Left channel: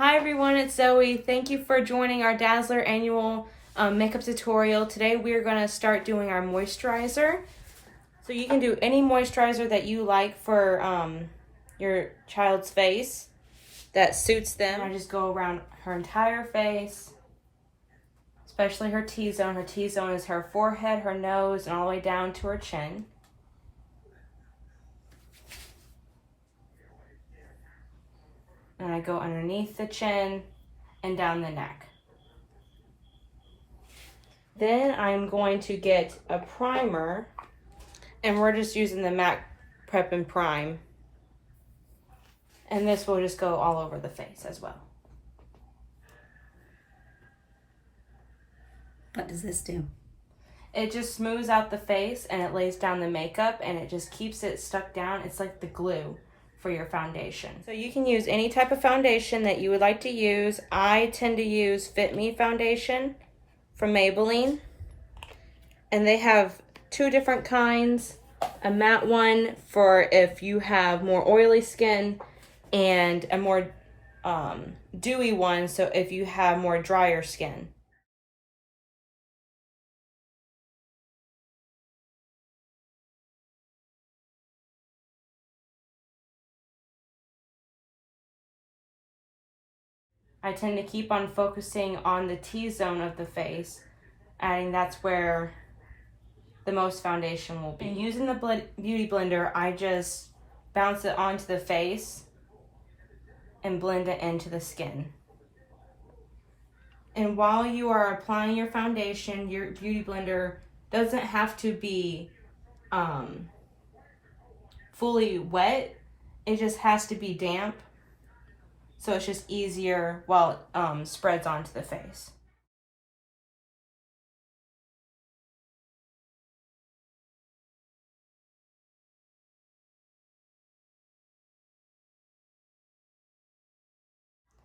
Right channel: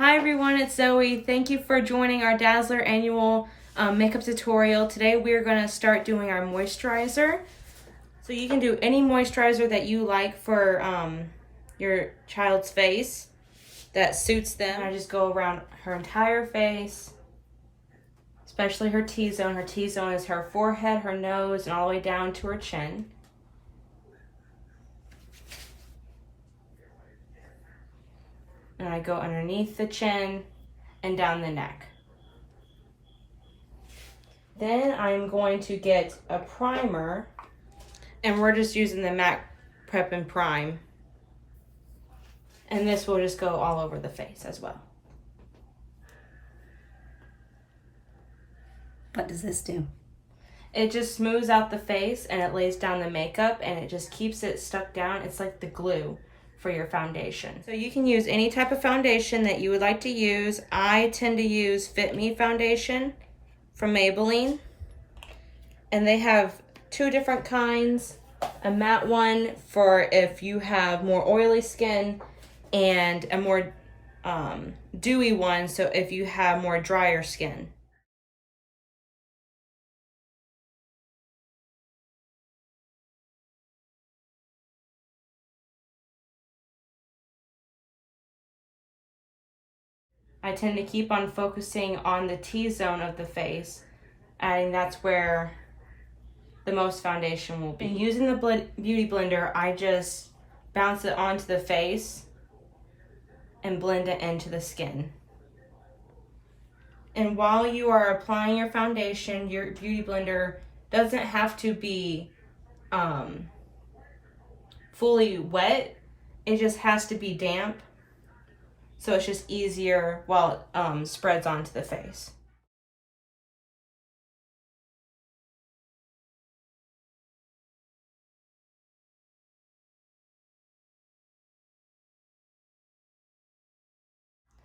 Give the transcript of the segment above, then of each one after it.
Hi everyone, it's Zoe. Thank you for joining our Dazzler annual makeup tutorial. Today we're going to start doing our moisturizer. So you can do any moisturizer that you like for your child's face that suits them. I just go around her entire face, especially her T-zone. Her T-zone is her forehead, her nose, and all the way down to her chin. And I go underneath the chin and down the neck. Then I'm going to get a primer, and we're just using the MAC Prep and Prime. And this will just go all over the face as well. What does this do? It just smooths out the face and it lays down the makeup and it just keeps it stuck down. It's like the glue for your foundation. So you can use any type of foundation that you would like to use. I tend to use Fit Me foundation from Maybelline. And they have two different kinds. A matte one for if you have more oily skin, and a more dewy one, so if you have more drier skin. I tend to keep on focusing on the T-zone of the face, adding that's where the most foundation will be. And using the Beauty Blender, I just bounce it onto the face and blend it into the skin. And while you are applying your foundation, your Beauty Blender doesn't have to be fully wet. It just has to be damp. So it's just easier while it spreads onto the face.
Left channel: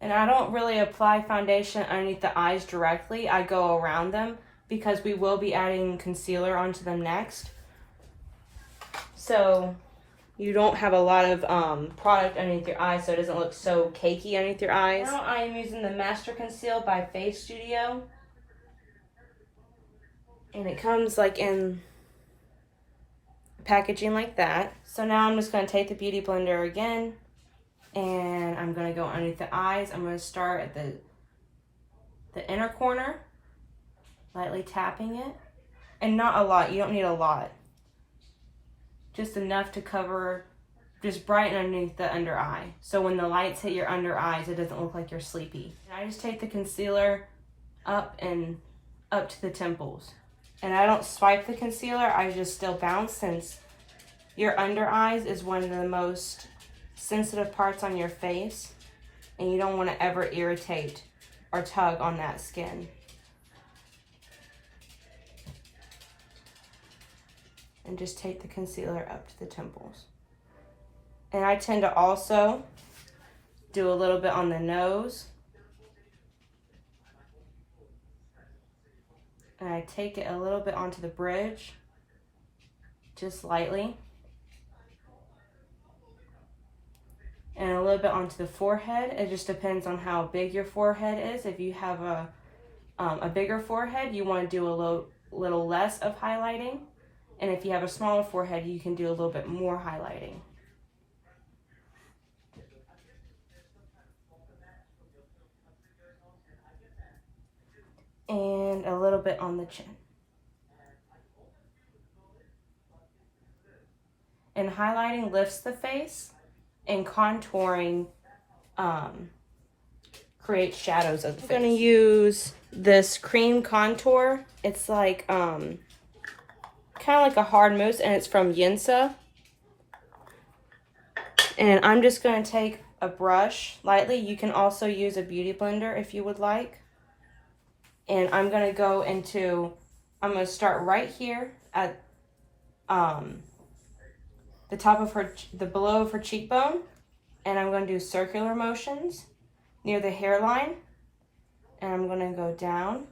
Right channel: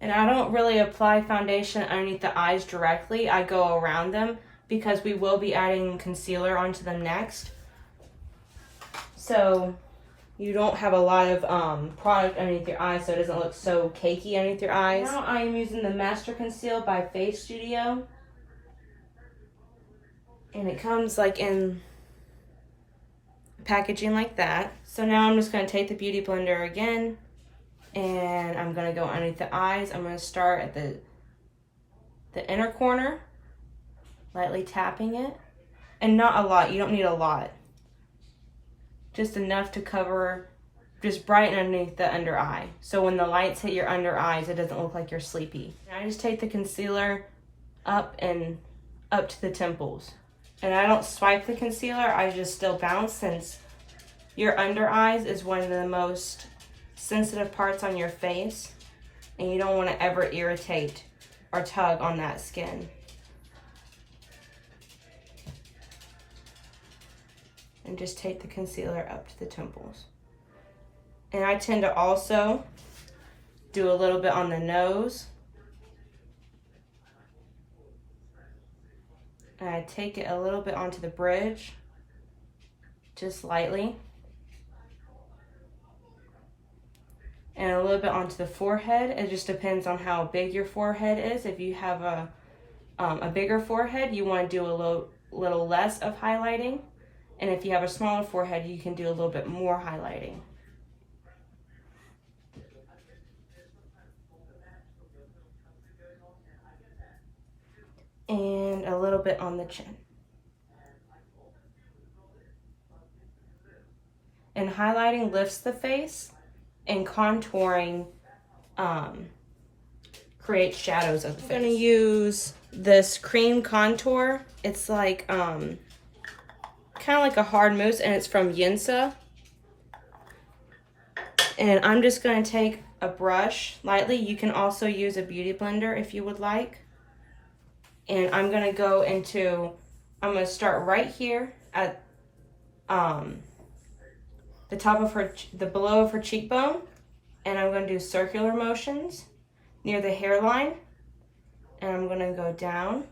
And I don't really apply foundation underneath the eyes directly. I go around them because we will be adding concealer onto them next. So you don't have a lot of product underneath your eyes, so it doesn't look so cakey underneath your eyes. Now I'm using the Master Conceal by Face Studio. And it comes like in packaging like that. So now I'm just going to take the Beauty Blender again, and I'm going to go underneath the eyes. I'm going to start at the inner corner, lightly tapping it. And not a lot. You don't need a lot. Just enough to cover, just brighten underneath the under eye. So when the lights hit your under eyes, it doesn't look like you're sleepy. And I just take the concealer up and up to the temples. And I don't swipe the concealer, I just still bounce, since your under eyes is one of the most sensitive parts on your face, and you don't want to ever irritate or tug on that skin. And just take the concealer up to the temples. And I tend to also do a little bit on the nose. And I take it a little bit onto the bridge, just lightly. And a little bit onto the forehead. It just depends on how big your forehead is. If you have a bigger forehead, you want to do a little less of highlighting. And if you have a smaller forehead, you can do a little bit more highlighting. And a little bit on the chin. And highlighting lifts the face, and contouring creates shadows of the face. I'm going to use this cream contour. It's like kind of like a hard mousse, and it's from Yinsa. And I'm just going to take a brush lightly. You can also use a Beauty Blender if you would like. And I'm going to go into, I'm going to start right here at the top of the below of her cheekbone. And I'm going to do circular motions near the hairline. And I'm going to go down.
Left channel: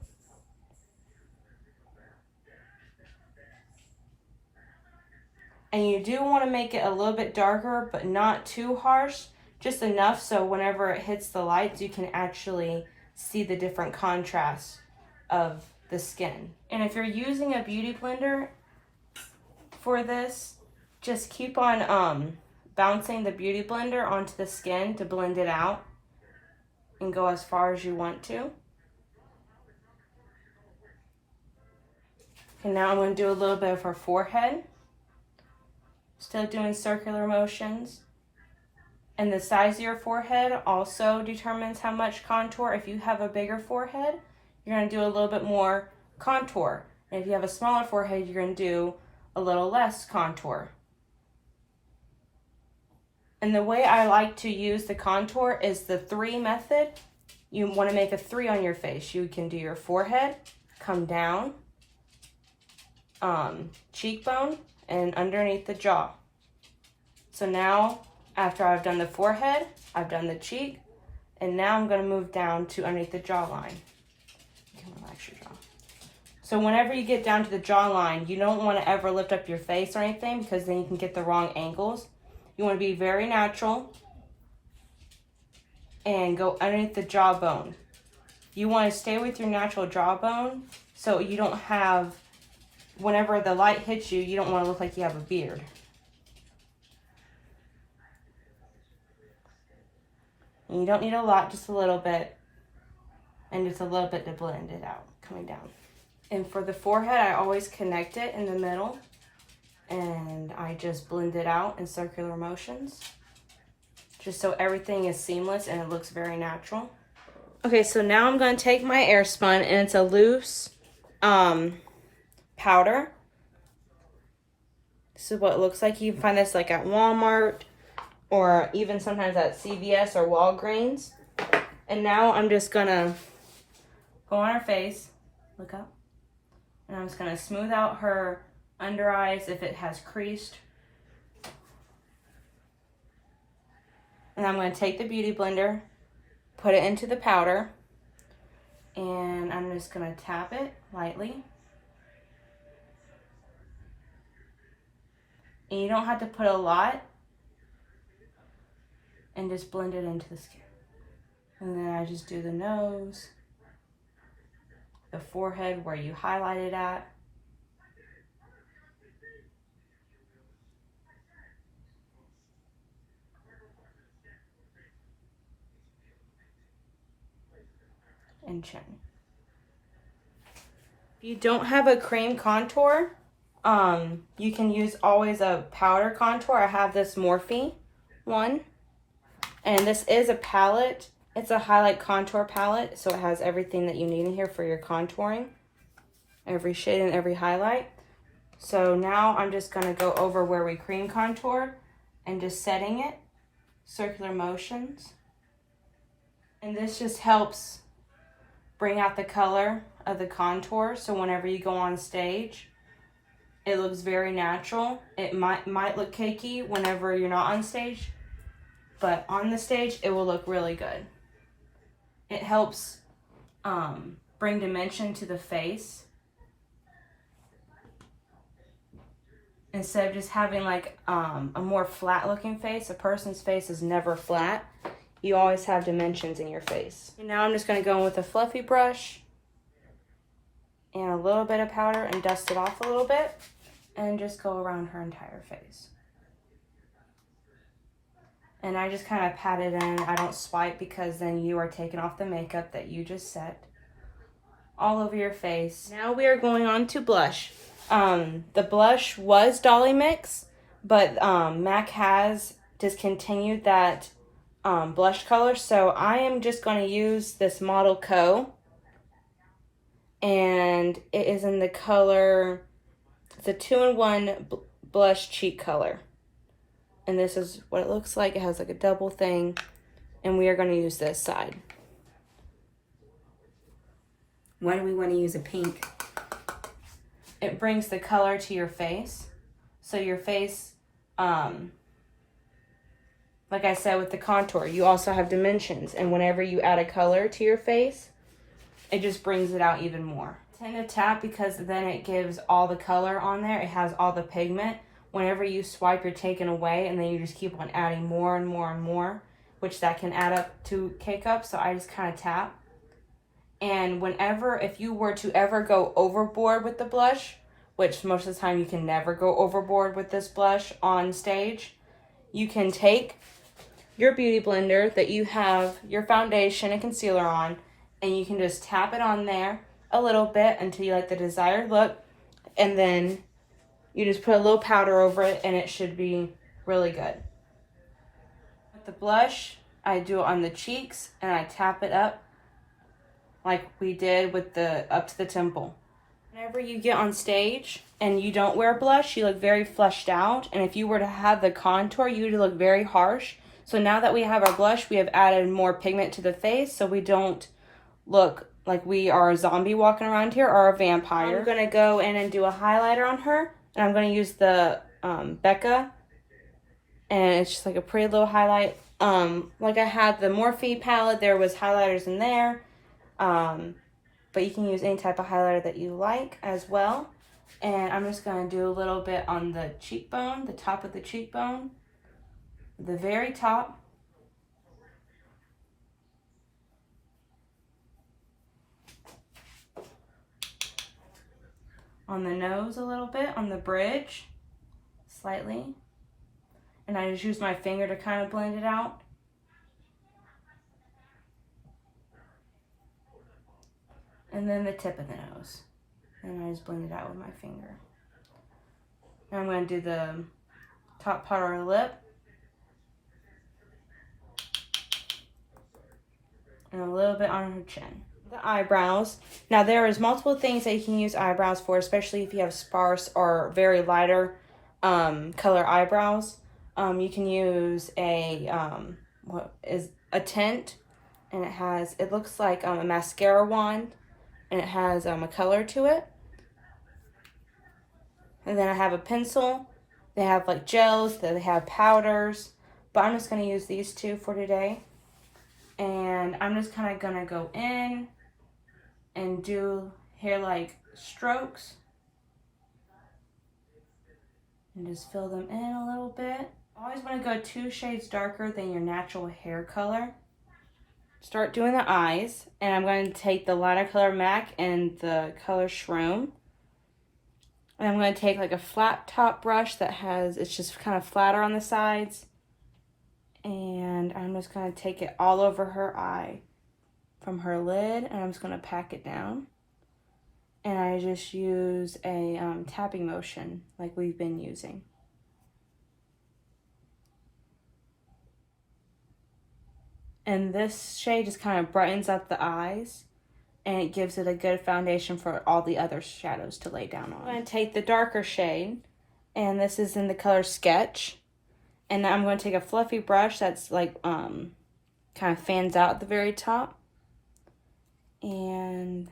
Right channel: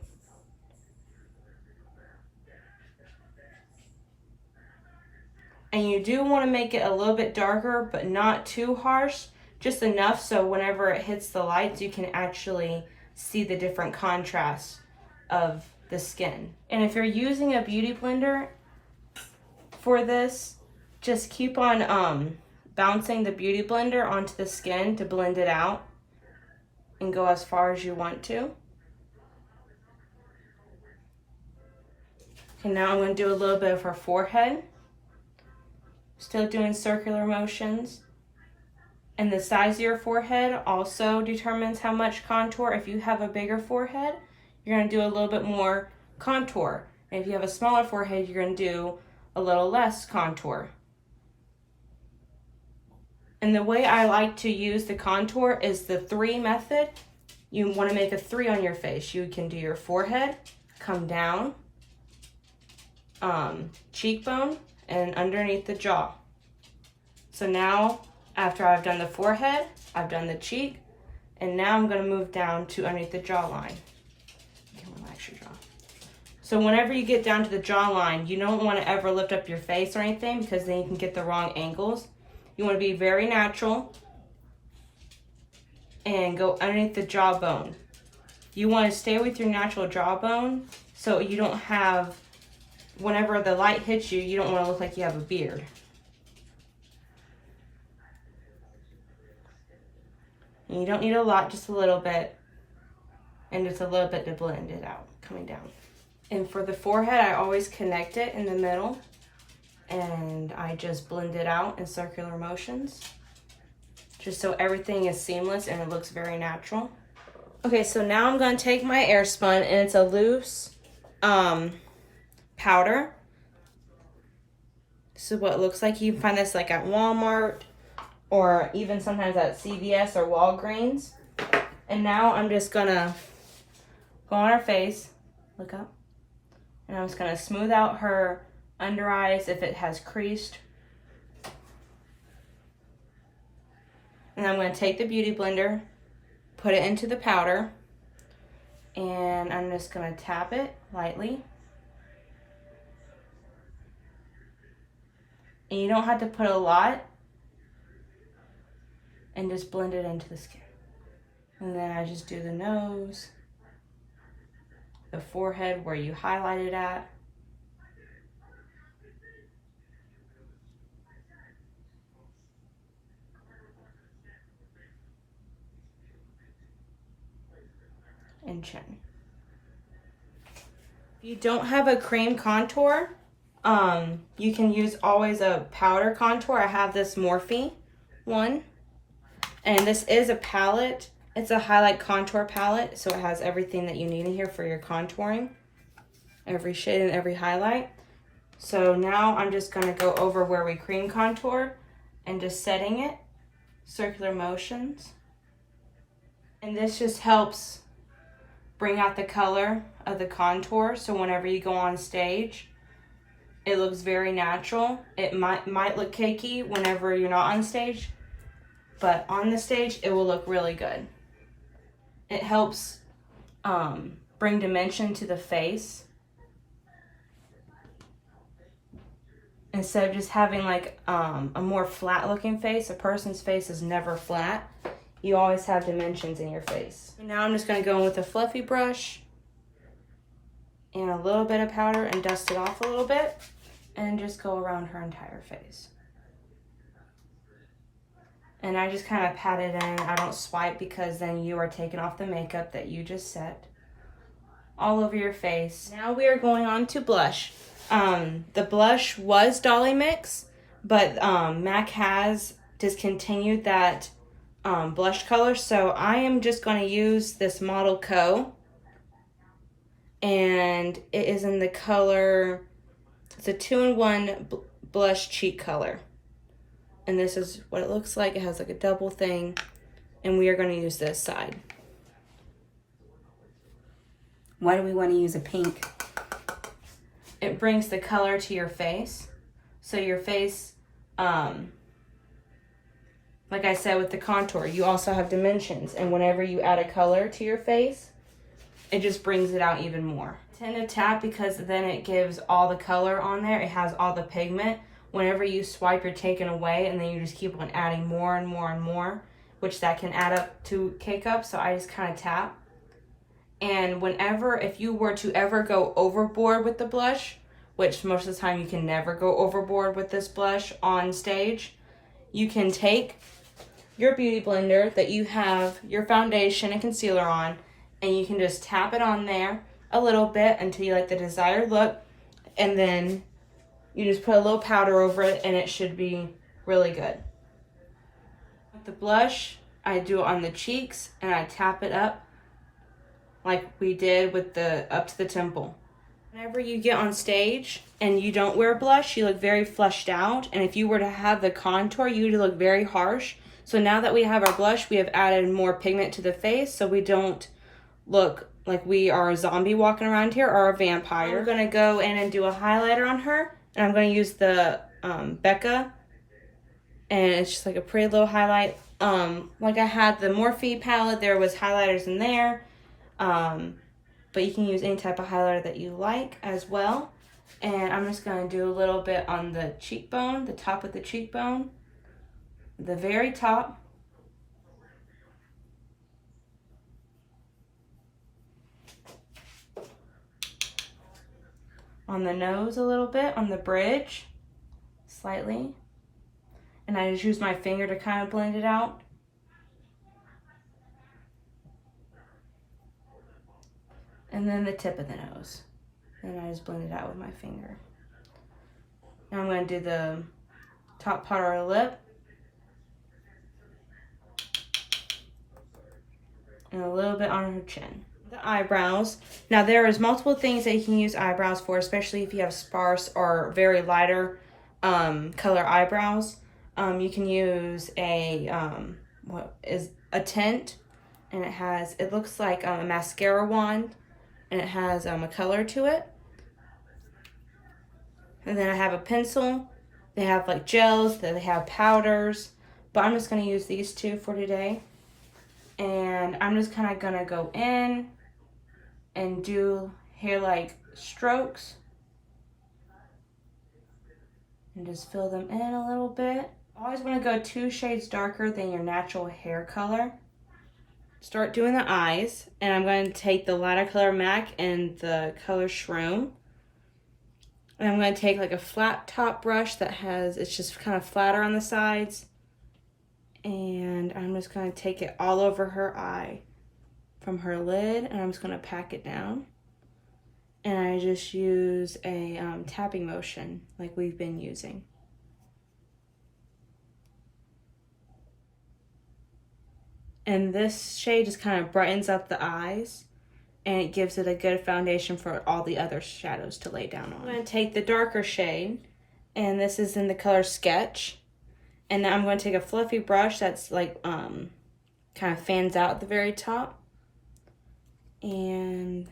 And you do want to make it a little bit darker, but not too harsh, just enough so whenever it hits the lights, you can actually see the different contrasts of the skin. And if you're using a beauty blender for this, just keep on bouncing the beauty blender onto the skin to blend it out and go as far as you want to. Okay, now I'm going to do a little bit of her forehead. Still doing circular motions. And the size of your forehead also determines how much contour. If you have a bigger forehead, you're going to do a little bit more contour. And if you have a smaller forehead, you're going to do a little less contour. And the way I like to use the contour is the 3 method. You want to make a 3 on your face. You can do your forehead, come down, cheekbone, and underneath the jaw. So now, after I've done the forehead, I've done the cheek, and now I'm going to move down to underneath the jawline. You can relax your jaw. So whenever you get down to the jawline, you don't want to ever lift up your face or anything because then you can get the wrong angles. You want to be very natural and go underneath the jawbone. You want to stay with your natural jawbone so you don't have, whenever the light hits you, you don't want to look like you have a beard. And you don't need a lot, just a little bit. And just a little bit to blend it out, coming down. And for the forehead, I always connect it in the middle. And I just blend it out in circular motions. Just so everything is seamless and it looks very natural. Okay, so now I'm going to take my Airspun, and it's a loose powder. This is what it looks like. You can find this like at Walmart or even sometimes at CVS or Walgreens. And now I'm just going to go on her face, look up, and I'm just going to smooth out her under eyes if it has creased. And I'm going to take the beauty blender, put it into the powder, and I'm just going to tap it lightly. And you don't have to put a lot, and just blend it into the skin. And then I just do the nose, the forehead where you highlighted at. And chin. If you don't have a cream contour, you can use always a powder contour. I have this Morphe one, and this is a palette. It's a highlight contour palette, so it has everything that you need in here for your contouring, every shade and every highlight. So now I'm just going to go over where we cream contour and just setting it, circular motions. And this just helps bring out the color of the contour, so whenever you go on stage, it looks very natural. It might look cakey whenever you're not on stage, but on the stage, it will look really good. It helps bring dimension to the face. Instead of just having like a more flat looking face, a person's face is never flat. You always have dimensions in your face. And now I'm just going to go in with a fluffy brush and a little bit of powder and dust it off a little bit and just go around her entire face. And I just kind of pat it in. I don't swipe because then you are taking off the makeup that you just set all over your face. Now we are going on to blush. The blush was Dolly Mix, but MAC has discontinued that blush color, so I am just going to use this Model Co, and it is in the color, it's a 2-in-1 blush cheek color, and this is what it looks like. It has like a double thing, and we are going to use this side. Why do we want to use a pink? It brings the color to your face, so your face, like I said with the contour, you also have dimensions. And whenever you add a color to your face, it just brings it out even more. I tend to tap because then it gives all the color on there. It has all the pigment. Whenever you swipe, you're taken away, and then you just keep on adding more and more and more. which that can add up to K-cup, so I just kind of tap. And if you were to ever go overboard with the blush, which most of the time you can never go overboard with this blush on stage, you can take your beauty blender that you have your foundation and concealer on, and you can just tap it on there a little bit until you like the desired look, and then you just put a little powder over it and it should be really good. With the blush, I do it on the cheeks and I tap it up like we did with the up to the temple. Whenever you get on stage and you don't wear blush, you look very fleshed out, and if you were to have the contour, you would look very harsh. So now that we have our blush, we have added more pigment to the face so we don't look like we are a zombie walking around here or a vampire. I'm going to go in and do a highlighter on her, and I'm going to use the Becca, and it's just like a pretty little highlight. Like I had the Morphe palette, there was highlighters in there, but you can use any type of highlighter that you like as well. And I'm just going to do a little bit on the cheekbone, the top of the cheekbone, the very top. On the nose a little bit, on the bridge, slightly. And I just use my finger to kind of blend it out. And then the tip of the nose. And I just blend it out with my finger. Now I'm going to do the top part of her lip. And a little bit on her chin. The eyebrows. Now there is multiple things that you can use eyebrows for, especially if you have sparse or very lighter color eyebrows. You can use a what is a tint, and it looks like a mascara wand, and it has a color to it. And then I have a pencil. They have like gels, they have powders, but I'm just going to use these two for today. And I'm just kind of going to go in and do hair-like strokes. And just fill them in a little bit. Always want to go 2 shades darker than your natural hair color. Start doing the eyes. And I'm going to take the lighter color MAC and the color Shroom. And I'm going to take like a flat top brush it's just kind of flatter on the sides. And I'm just going to take it all over her eye from her lid, and I'm just going to pack it down. And I just use a tapping motion like we've been using. And this shade just kind of brightens up the eyes, and it gives it a good foundation for all the other shadows to lay down on. I'm going to take the darker shade, and this is in the color Sketch. And then I'm going to take a fluffy brush that's like, kind of fans out at the very top. And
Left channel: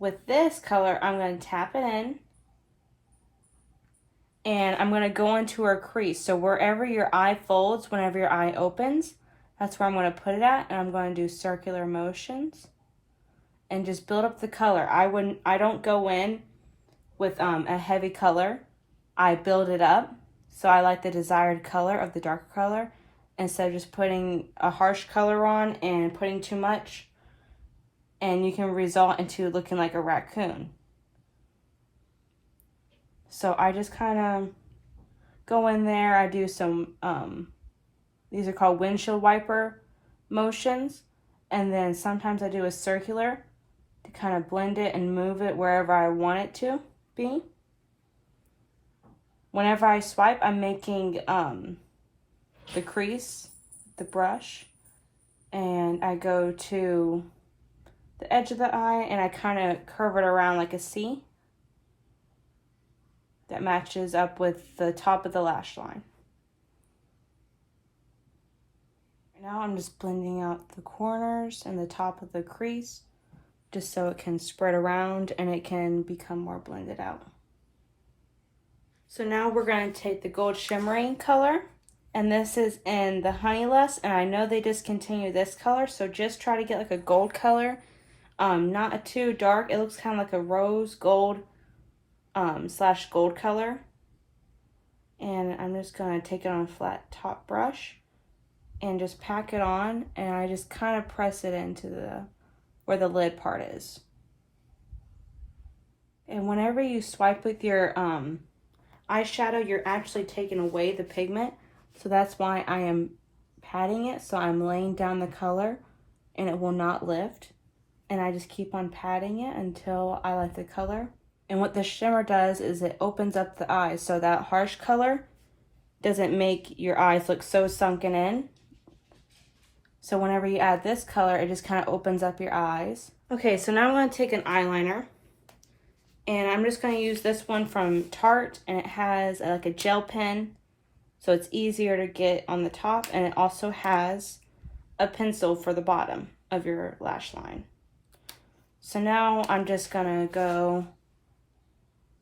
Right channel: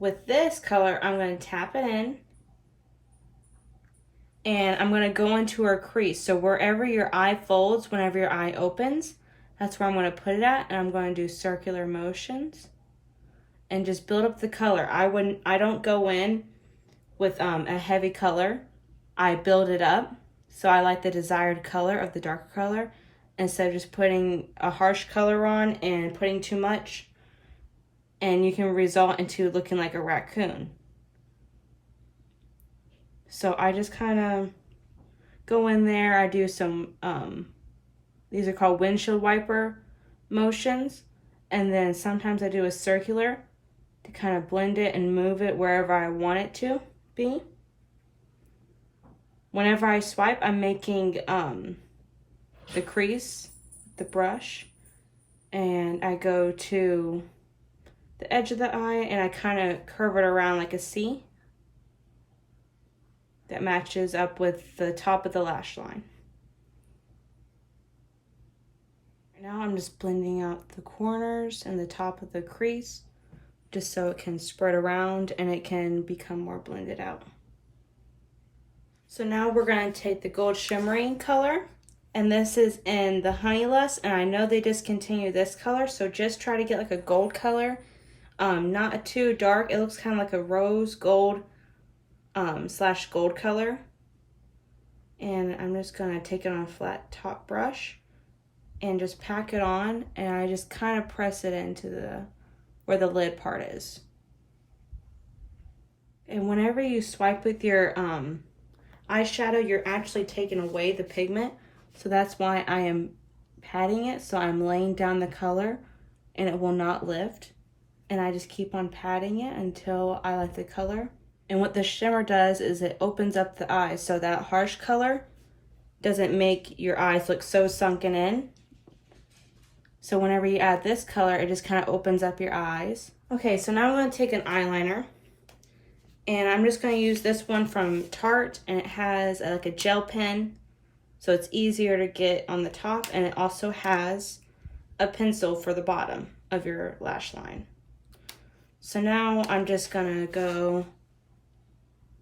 with this color, I'm going to tap it in. And I'm going to go into her crease. So wherever your eye folds, whenever your eye opens, that's where I'm going to put it at. And I'm going to do circular motions. And just build up the color. I don't go in with a heavy color. I build it up. So I like the desired color of the darker color instead of just putting a harsh color on and putting too much. And you can result into looking like a raccoon. So I just kind of go in there. I do some, these are called windshield wiper motions. And then sometimes I do a circular to kind of blend it and move it wherever I want it to be. Whenever I swipe, I'm making the crease, the brush, and I go to the edge of the eye and I kind of curve it around like a C that matches up with the top of the lash line. Now I'm just blending out the corners and the top of the crease just so it can spread around and it can become more blended out. So now we're going to take the gold shimmering color, and this is in the Honey Lust, and I know they discontinued this color, so just try to get like a gold color, not too dark. It looks kind of like a rose gold slash gold color. And I'm just going to take it on a flat top brush and just pack it on, and I just kind of press it into where the lid part is. And whenever you swipe with your eyeshadow, you're actually taking away the pigment. So that's why I am patting it. So I'm laying down the color and it will not lift. And I just keep on patting it until I like the color. And what the shimmer does is it opens up the eyes. So that harsh color doesn't make your eyes look so sunken in. So whenever you add this color, it just kind of opens up your eyes. Okay, so now I'm going to take an eyeliner. And I'm just going to use this one from Tarte, and it has like a gel pen, so it's easier to get on the top, and it also has a pencil for the bottom of your lash line. So now I'm just going to go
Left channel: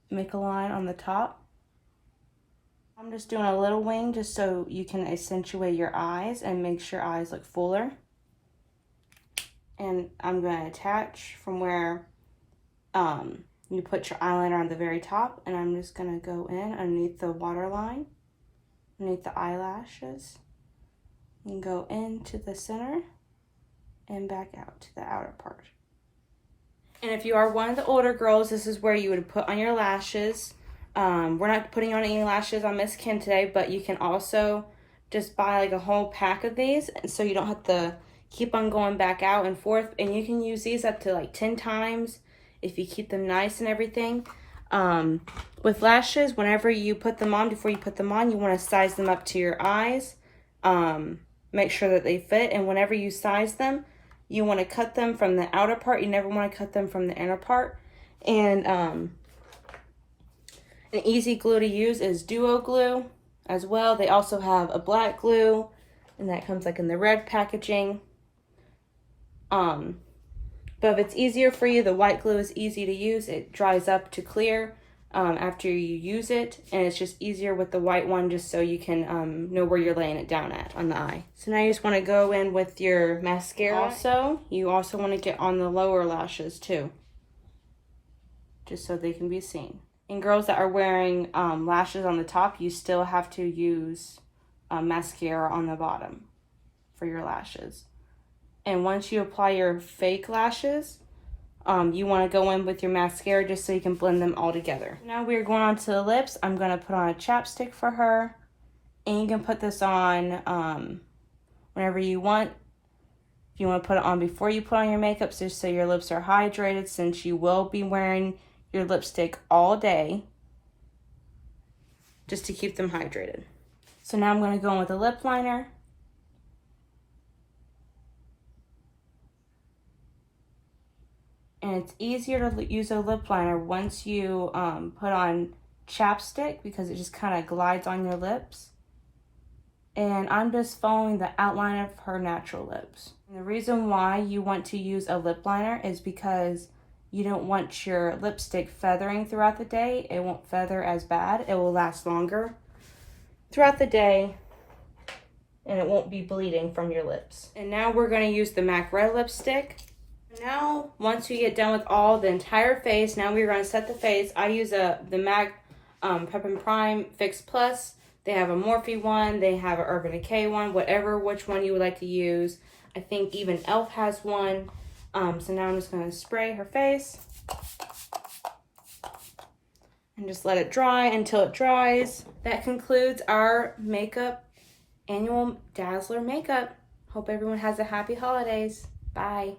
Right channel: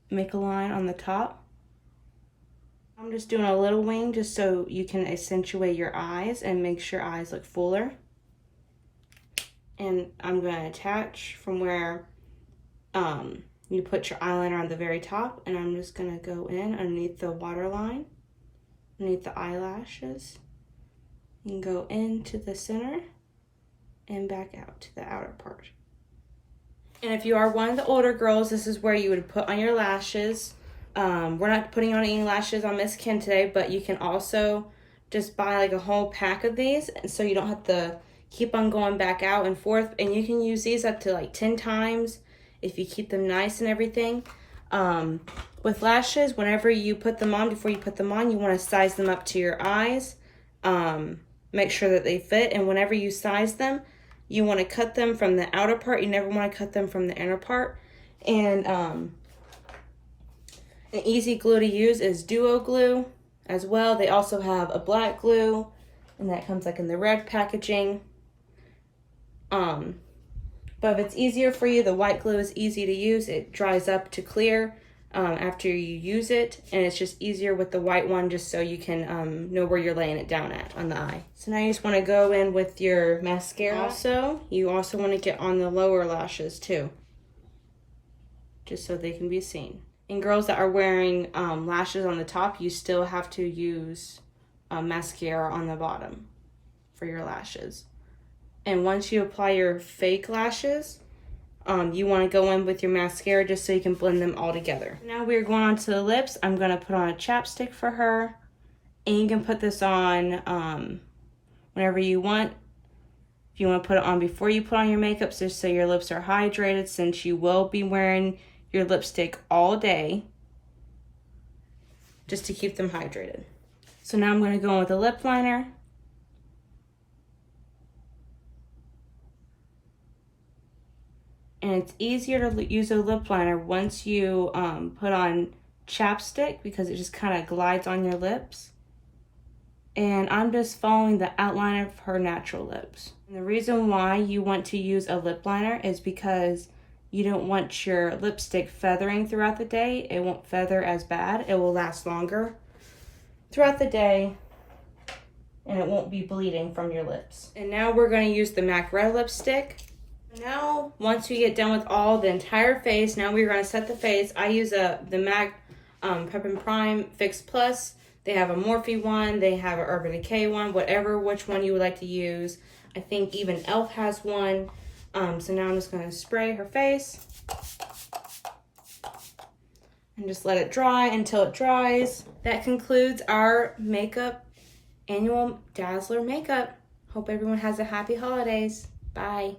make a line on the top. I'm just doing a little wing just so you can accentuate your eyes and make your eyes look fuller. And I'm going to attach from where you put your eyeliner on the very top, and I'm just going to go in underneath the waterline, underneath the eyelashes, and go into the center and back out to the outer part. And if you are one of the older girls, this is where you would put on your lashes. We're not putting on any lashes on Miss Kim today, but you can also just buy like a whole pack of these, so you don't have to keep on going back out and forth. And you can use these up to like 10 times. If you keep them nice and everything. With lashes, whenever you put them on, before you put them on, you want to size them up to your eyes. Make sure that they fit, and whenever you size them, you want to cut them from the outer part. You never want to cut them from the inner part. And an easy glue to use is Duo Glue as well. They also have a black glue, and that comes like in the red packaging. But if it's easier for you, the white glue is easy to use. It dries up to clear after you use it, and it's just easier with the white one, just so you can know where you're laying it down at on the eye. So now you just want to go in with your mascara. Also, you also want to get on the lower lashes too, just so they can be seen. And girls that are wearing lashes on the top, you still have to use mascara on the bottom for your lashes. And once you apply your fake lashes, you want to go in with your mascara just so you can blend them all together. Now we're going on to the lips. I'm going to put on a chapstick for her. And you can put this on whenever you want. If you want to put it on before you put on your makeup, just so your lips are hydrated, since you will be wearing your lipstick all day, just to keep them hydrated. So now I'm going to go in with a lip liner. And it's easier to use a lip liner once you put on chapstick, because it just kind of glides on your lips. And I'm just following the outline of her natural lips. And the reason why you want to use a lip liner is because you don't want your lipstick feathering throughout the day. It won't feather as bad. It will last longer throughout the day, and it won't be bleeding from your lips. And now we're going to use the MAC Red lipstick. Now, once we get done with the entire face, now we're going to set the face. I use the MAC Prep and Prime Fix Plus. They have a Morphe one. They have an Urban Decay one. Which one you would like to use. I think even e.l.f. has one. So now I'm just going to spray her face. And just let it dry until it dries. That concludes our annual Dazzler makeup. Hope everyone has a happy holidays. Bye.